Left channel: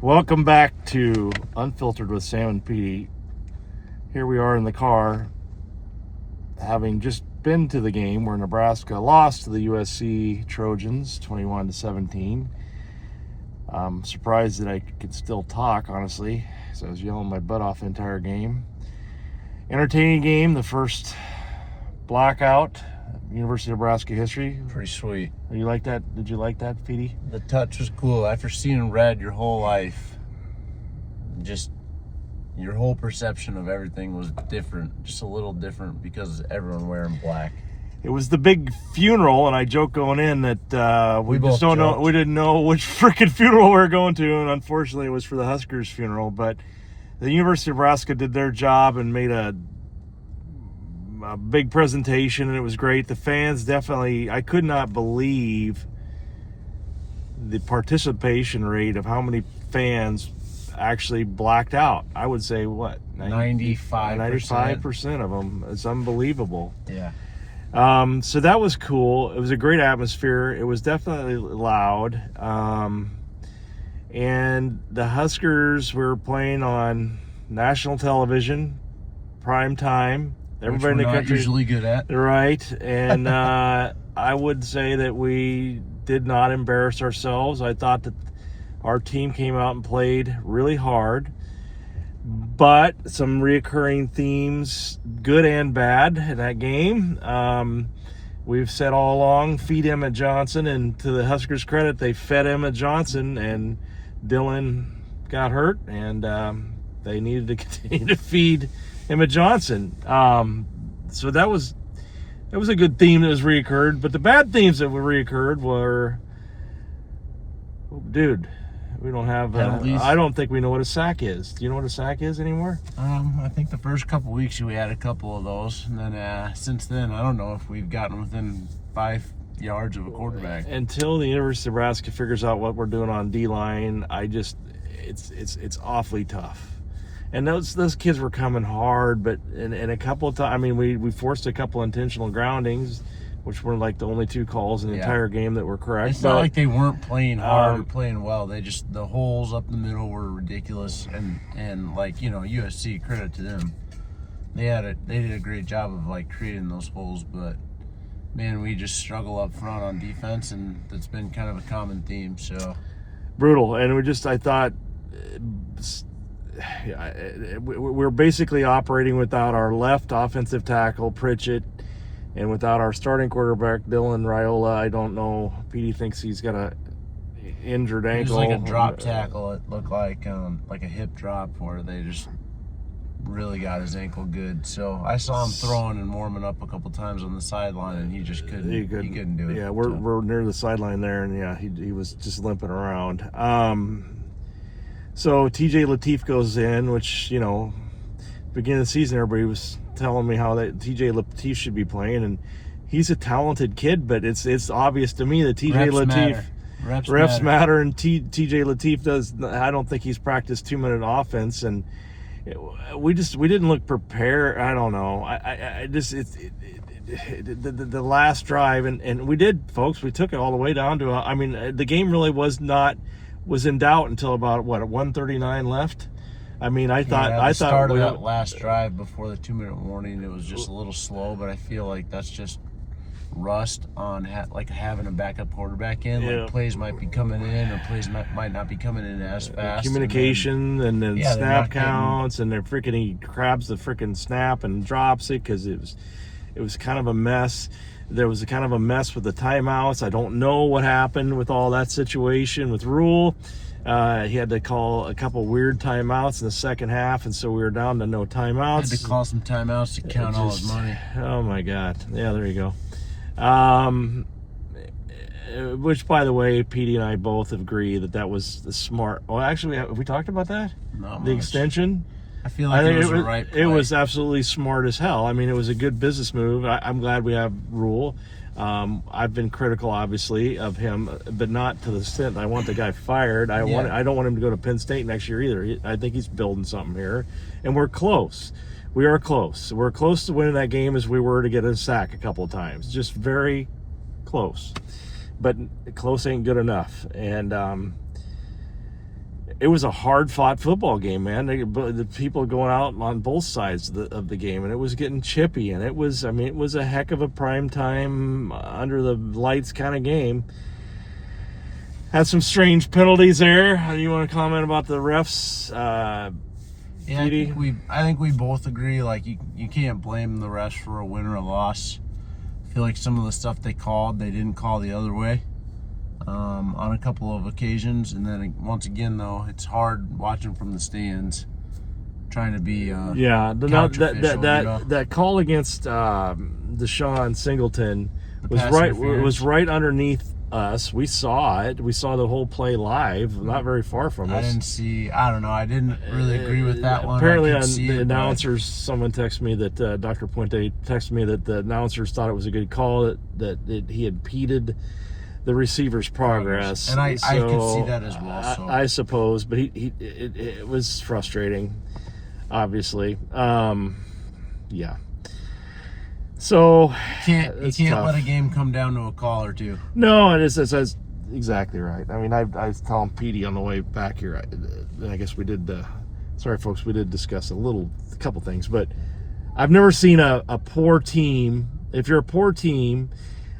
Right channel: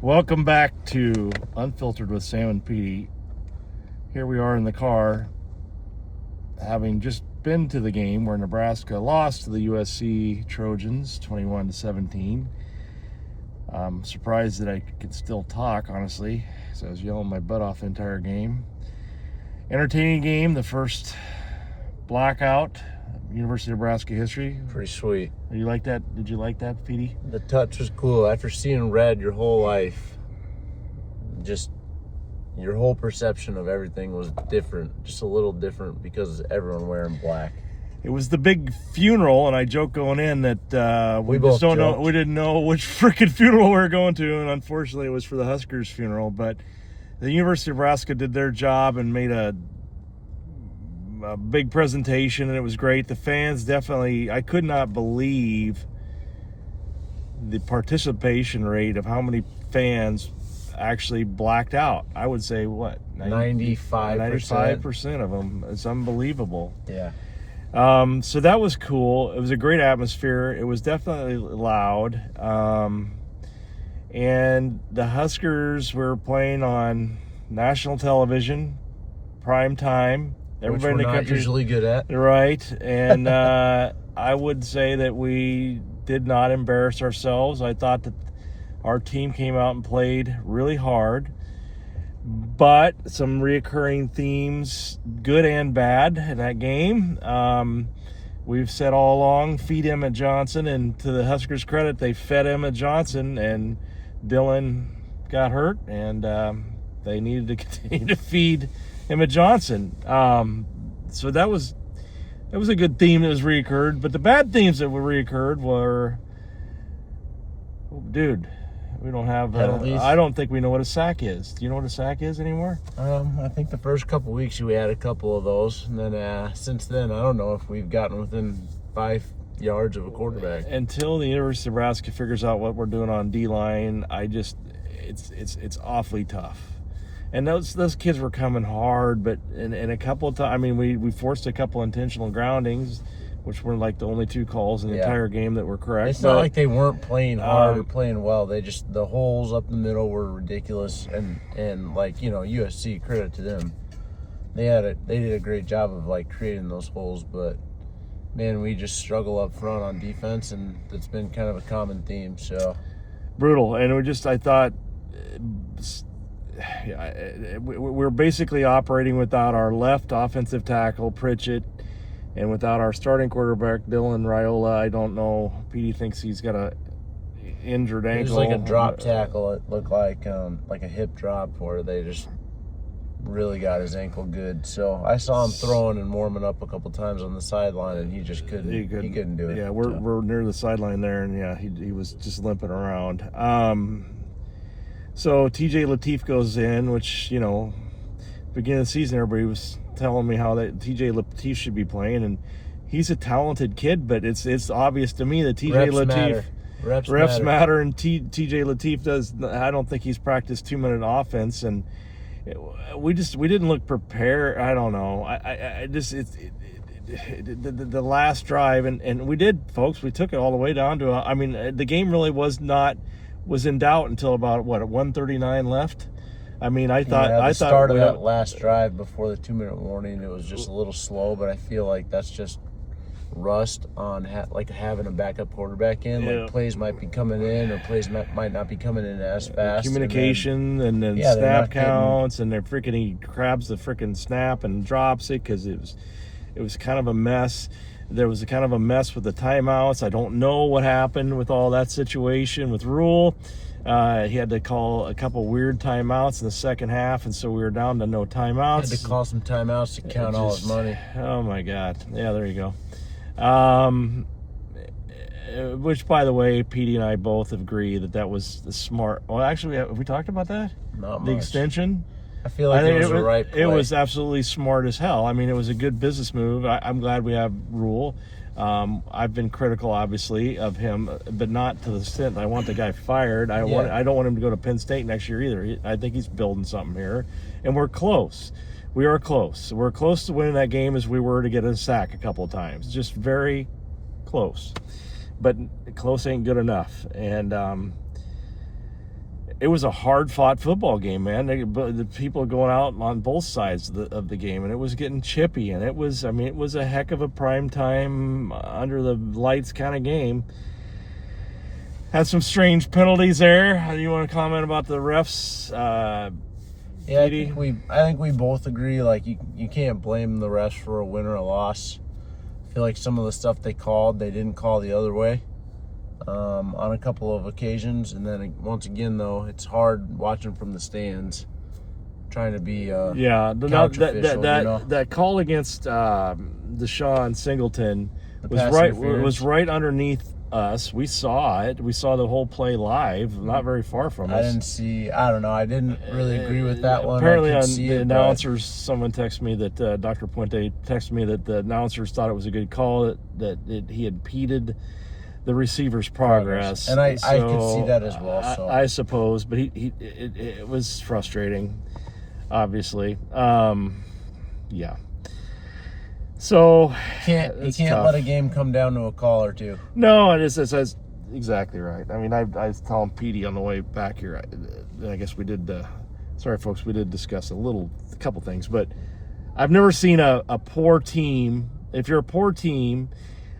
Welcome back to Unfiltered with Sam and Petey. Here we are in the car, having just been to the game where Nebraska lost to the USC Trojans 21-17. I'm surprised that I could still talk, honestly, because I was yelling my butt off the entire game. Entertaining game, the first Blackout, University of Nebraska history. Pretty sweet. You like that? Did you like that, Petey? The touch was cool. After seeing red your whole life, just your whole perception of everything was different, just a little different because everyone wearing black. It was the big funeral, and I joked going in that we just don't know. We didn't know which freaking funeral we were going to, and unfortunately, it was for the Huskers funeral. But the University of Nebraska did their job and made a big presentation, and it was great. The fans definitely, I could not believe the participation rate of how many fans actually blacked out. I would say, what? 95% of them. It's unbelievable. Yeah. So that was cool. It was a great atmosphere. It was definitely loud. And the Huskers were playing on national television, prime time. Everybody in the country usually good at. Right. And I would say that we did not embarrass ourselves. I thought that our team came out and played really hard, but some reoccurring themes, good and bad, in that game. We've said all along, feed Emmett Johnson, and to the Huskers' credit, they fed Emmett Johnson, and Dylan got hurt, and they needed to continue to feed Emmett Johnson. So that was a good theme that was reoccurred, but the bad themes that were reoccurred were, dude, we don't have I don't think we know what a sack is. Do you know what a sack is anymore? I think the first couple weeks we had a couple of those, and then since then I don't know if we've gotten within 5 yards of a quarterback. Until the University of Nebraska figures out what we're doing on D-line, it's awfully tough. And those kids were coming hard, but in a couple of times, I mean, we forced a couple intentional groundings, which were like the only 2 calls in the entire game that were correct. It's not like they weren't playing hard or playing well. They just, the holes up the middle were ridiculous, and like, you know, USC, credit to them. They did a great job of like creating those holes, but man, we just struggle up front on defense, and that's been kind of a common theme. So brutal, and I thought. We're basically operating without our left offensive tackle, Pritchett, and without our starting quarterback, Dylan Raiola. I don't know. Petey thinks he's got a injured ankle. It was like a drop tackle. It looked like a hip drop where they just really got his ankle good. So I saw him throwing and warming up a couple times on the sideline, and he just couldn't. He couldn't do it. Yeah, we're near the sideline there, and yeah, he was just limping around. So TJ Lateef goes in, which, you know, beginning of the season, everybody was telling me how that TJ Lateef should be playing, and he's a talented kid, but it's obvious to me that TJ Lateef reps matter, and TJ Lateef does. I don't think he's practiced 2-minute offense, and we didn't look prepared. I don't know. The last drive, and we did, folks. We took it all the way down to. The game really was in doubt until about 1:39 left. I mean, I thought that last drive before the 2-minute warning, it was just a little slow, but I feel like that's just rust on having a backup quarterback in. Yeah. Like plays might be coming in, or plays might not be coming in as fast. Communication, and then snap counts, and he grabs the freaking snap and drops it because it was kind of a mess. There was a kind of a mess with the timeouts. I don't know what happened with all that situation with Rule. He had to call a couple weird timeouts in the second half, and so we were down to no timeouts. Had to call some timeouts to count all his money. Oh, my God. Yeah, there you go. Which, by the way, Petey and I both agree that was the smart. Well, actually, have we talked about that? Not the much. Extension? I feel like it was the right play. It was absolutely smart as hell. I mean, it was a good business move. I'm glad we have Rule. I've been critical, obviously, of him, but not to the extent I want the guy fired. I don't want him to go to Penn State next year either. I think he's building something here, and we're close. We are close. We're close to winning that game as we were to get a sack a couple of times. Just very close. But close ain't good enough. And it was a hard-fought football game, man. The people going out on both sides of the game, and it was getting chippy, and it was a heck of a prime time, under the lights kind of game. Had some strange penalties there. You want to comment about the refs? Yeah, I think we both agree. Like, you can't blame the refs for a win or a loss. I feel like some of the stuff they called, they didn't call the other way. On a couple of occasions, and then once again, though, it's hard watching from the stands, trying to be that call against Deshaun Singleton was right underneath us. We saw it. We saw the whole play live, not very far from us. I don't know. I didn't really agree with that one. Apparently, the announcers, someone texted me that Dr. Puente texted me that the announcers thought it was a good call, that he had impeded the receiver's progress, and I could see that as well. So. I suppose, but it was frustrating, obviously. Yeah. So you can't let a game come down to a call or two. No, it's exactly right. I mean, I was telling Petey on the way back here, and I guess we did. Sorry, folks, we did discuss a couple things, but I've never seen a poor team. If you're a poor team,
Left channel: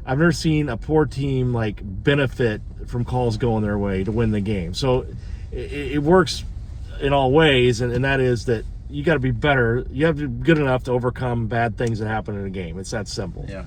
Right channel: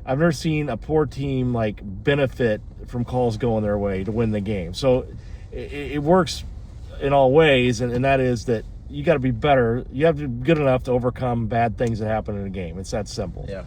I've never seen a poor team like benefit from calls going their way to win the game. So it works in all ways, and that is that you got to be better. You have to be good enough to overcome bad things that happen in a game. It's that simple. Yeah,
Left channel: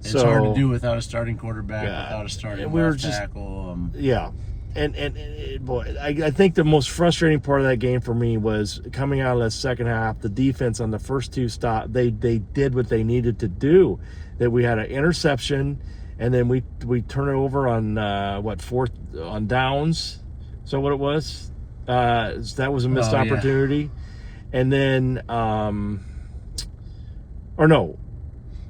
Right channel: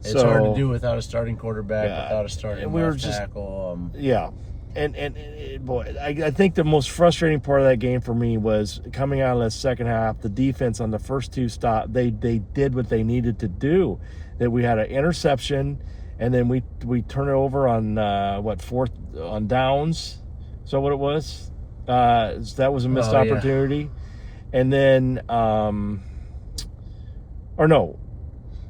it's hard to do without a starting quarterback, without a starting left tackle. Yeah, and boy, I think the most frustrating part of that game for me was coming out of the second half. The defense on the first two they did what they needed to do. That we had an interception, and then we turn it over on fourth on downs. So what it was, that was a missed opportunity, and then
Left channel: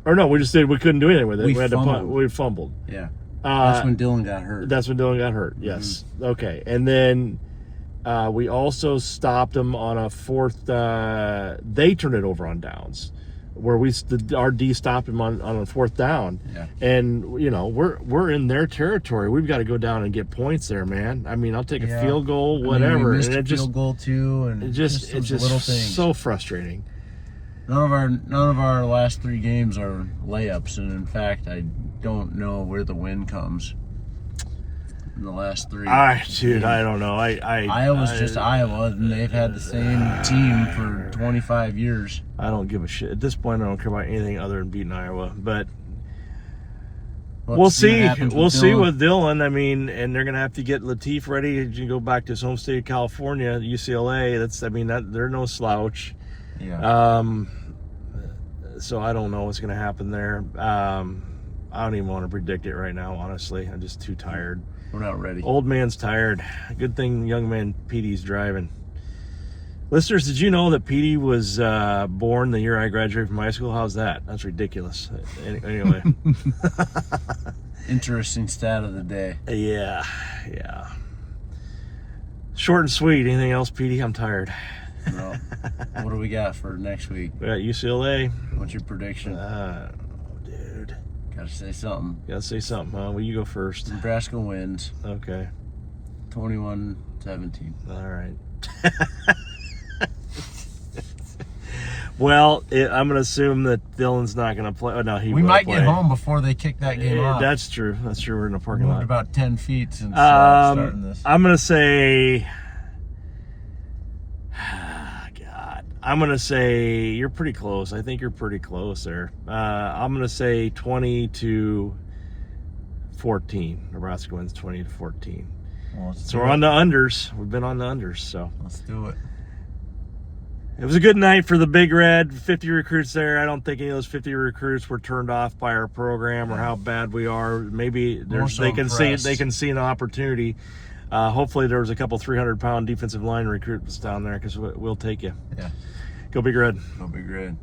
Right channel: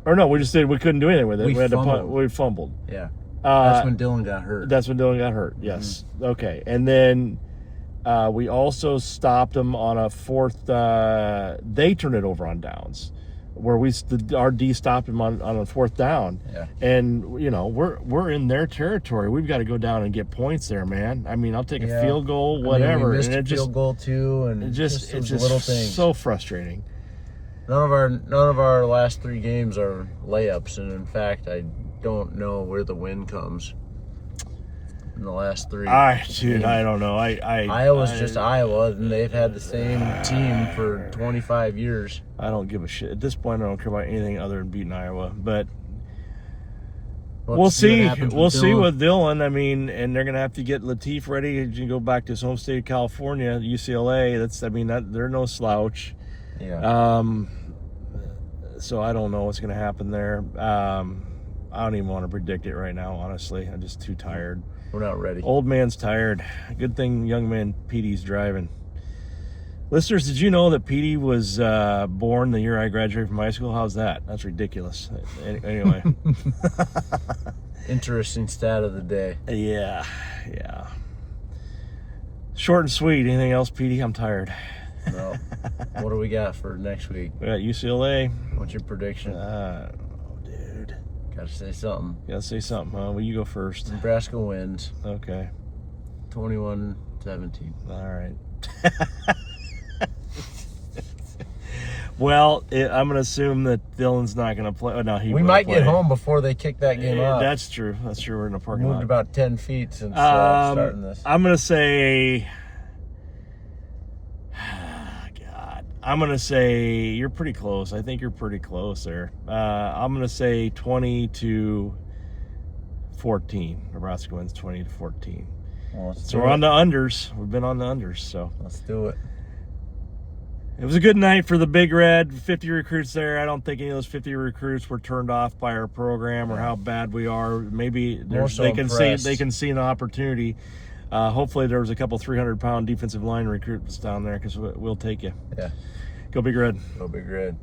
we just did. We couldn't do anything with it. We had to punt. We fumbled. Yeah, that's when Dylan got hurt. Yes. Mm-hmm. Okay, and then we also stopped them on a fourth. They turned it over on downs, where our D stopped him on a fourth down. Yeah. And we're in their territory. We've got to go down and get points there, man. I mean, I'll take a field goal, whatever. We missed a field goal too, and it's just little things. So frustrating. None of our last three games are layups, and in fact, I don't know where the win comes in the last three. I don't know. Iowa's just Iowa, and they've had the same team for 25 years. I don't give a shit. At this point, I don't care about anything other than beating Iowa. But we'll see. We'll see with Dylan. I mean, and they're going to have to get Latif ready. You can go back to his home state of California, UCLA. They're no slouch. Yeah. So I don't know what's going to happen there. I don't even want to predict it right now, honestly. I'm just too tired. We're not ready. Old man's tired. Good thing young man Petey's driving. Listeners, did you know that Petey was born the year I graduated from high school? How's that? That's ridiculous. Anyway. Interesting stat of the day. Yeah. Short and sweet. Anything else, Petey? I'm tired. No. What do we got for next week? We got UCLA. What's your prediction? Dude. Gotta say something. Huh? Well, you go first. Nebraska wins. Okay. 21-17. All right. Well, I'm going to assume that Dylan's not going to play. No, we might get home before they kick that game off. That's true. We're in a parking lot. Moved about 10 feet since starting this. I'm going to say... God. I'm going to say you're pretty close. I think you're pretty close there. I'm going to say 20-14. Nebraska wins 20-14. Well, so we're on the unders. We've been on the unders, so. Let's do it. It was a good night for the Big Red. 50 recruits there. I don't think any of those 50 recruits were turned off by our program or how bad we are. Maybe they can see an opportunity. Hopefully there was a couple 300-pound defensive line recruits down there because we'll take you. Yeah. Go Big Red. Go Big Red.